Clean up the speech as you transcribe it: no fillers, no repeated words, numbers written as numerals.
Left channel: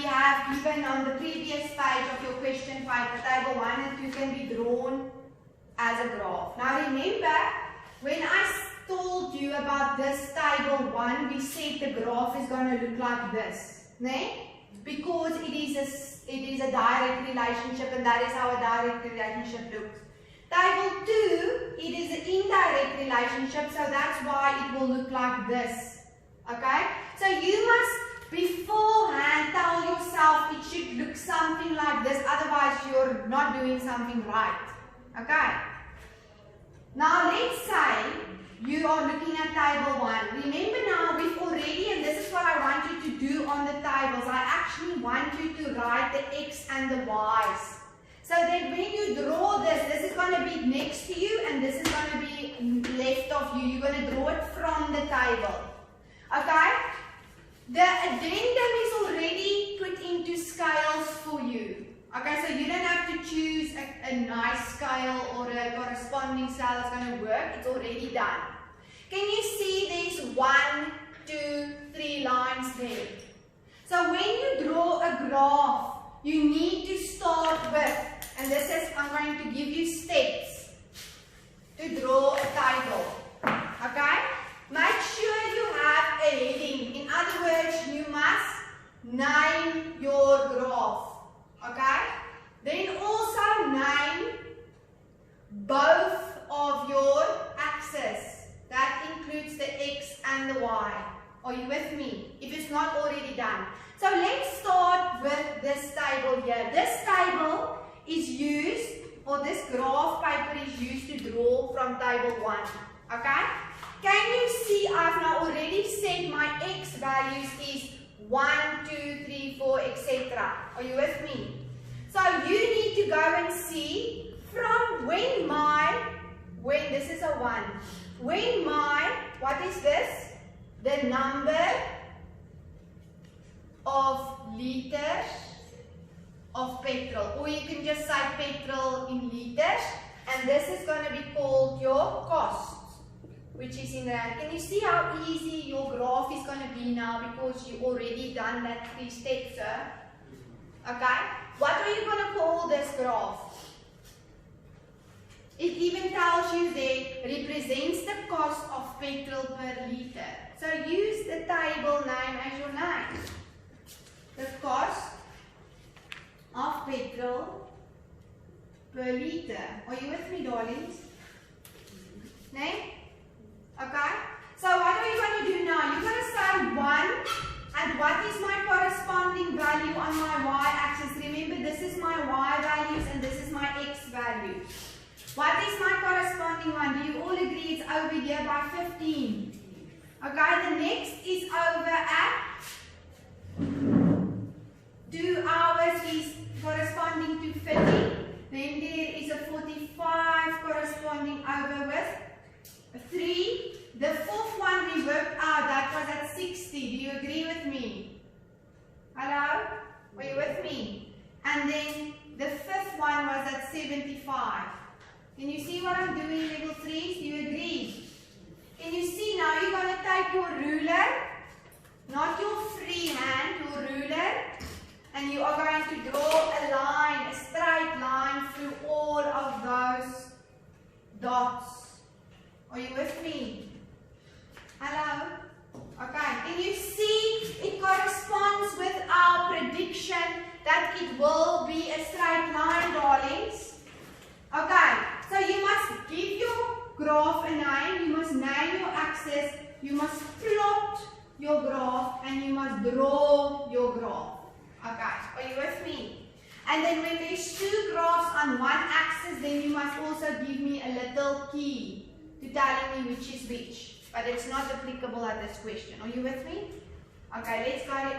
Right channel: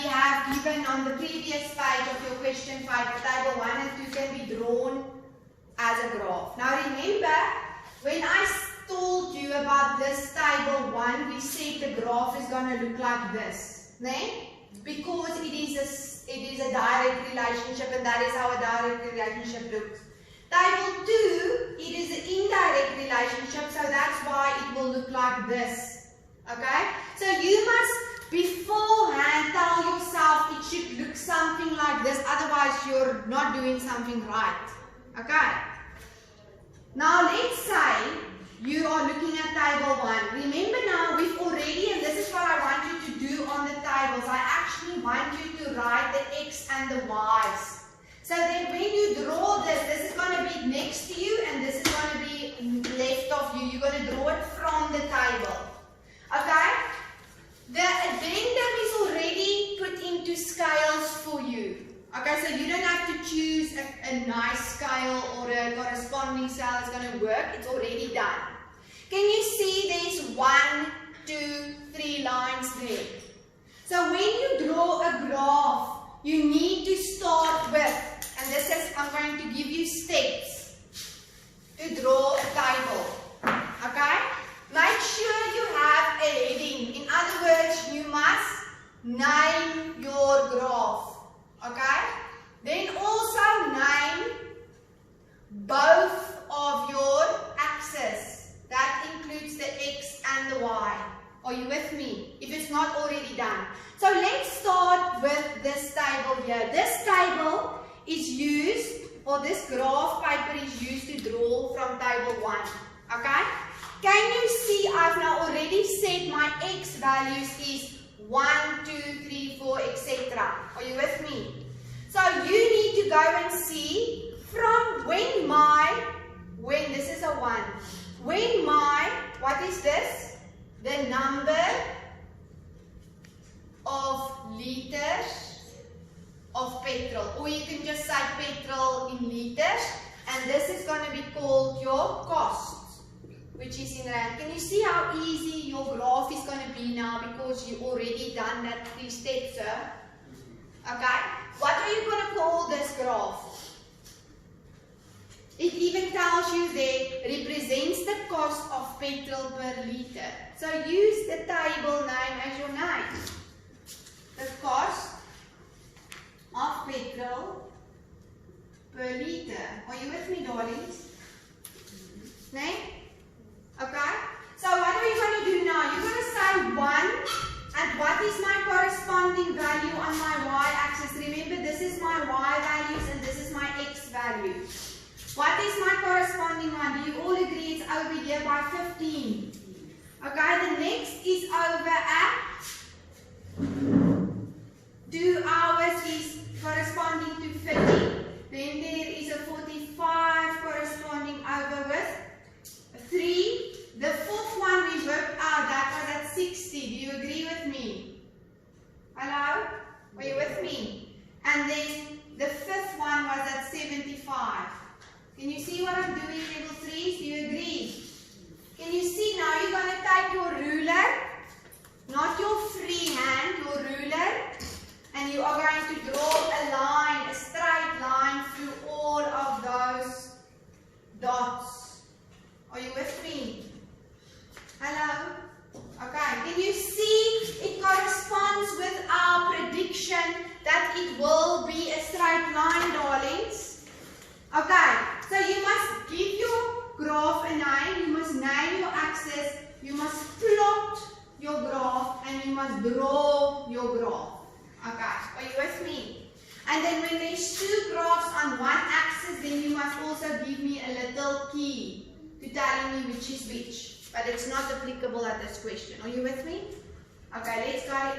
we have given on the previous page of your question 5, table 1 and 2 can be drawn as a graph. Now remember, when I told you about this table 1, we said the graph is going to look like this. Nee? Because it is a direct relationship, and that is how a direct relationship looks. Table 2, it is an indirect relationship, so that's why it will look like this. Okay? So you must beforehand tell yourself it should look something like this, otherwise you're not doing something right. Okay? Now let's say you are looking at table 1. Remember now, we've already, and this is what I want you to do on the tables, I actually want you to write the x and the y's. So that when you draw this is going to be next to you and this is going to be left of you. You're going to draw it from the table. Okay? The addendum is already put into scales for you. Okay, so you don't have to choose a nice scale or a corresponding scale that's going to work. It's already done. Can you see there's 1, 2, 3 lines there? So when you draw a graph, you need to start with, and this is, I'm going to give you steps to draw a table. Okay? Make sure you have a heading. In other words, you must name your graph. Okay? Then also name both of your axes. That includes the x and the y. Are you with me? If it's not already done. So let's start with this table here. This table is used, or this graph paper is used to draw from table 1. Okay? Can you see I've now already said my x values is 1, 2, 3, 4, etc. Are you with me? So you need to go and see from when this is a 1. When what is this? The number of liters of petrol, or you can just say petrol in liters, and this is going to be called your cost, which is in rand. Can you see how easy your graph is going to be now because you already done that 3 steps, sir? Okay, what are you going to call this graph? It even tells you there represents the cost of petrol per liter. So use the table name as your name. The cost of petrol per liter. Are you with me, darlings? No? Okay? So what are you going to do now? You're going to say 1, and what is my corresponding value on my y-axis? Remember, this is my y values and this is my x value. What is my corresponding one? Do you all agree it's over here by 15? Okay, the next is over at 2 hours is corresponding to 50. Then there is a 45 corresponding over with 3. The 4th one we worked out, that was at 60. Do you agree with me? Hello? Are you with me? And then the 5th one was at 75. Can you see what I'm doing, level 3s? Do you agree? Can you see now you're going to take your ruler, not your free hand, your ruler, and you are going to draw a line, a straight line through all of those dots. Are you with me? Hello? Okay, can you see it corresponds with our prediction that it will be a straight line, darlings? Okay, so you must give your graph a name, you must name your axis, you must plot your graph, and you must draw your graph. Okay, are you with me? And then when there's 2 graphs on one axis, then you must also give me a little key to telling me which is which. But it's not applicable at this question. Are you with me? Okay, let's go.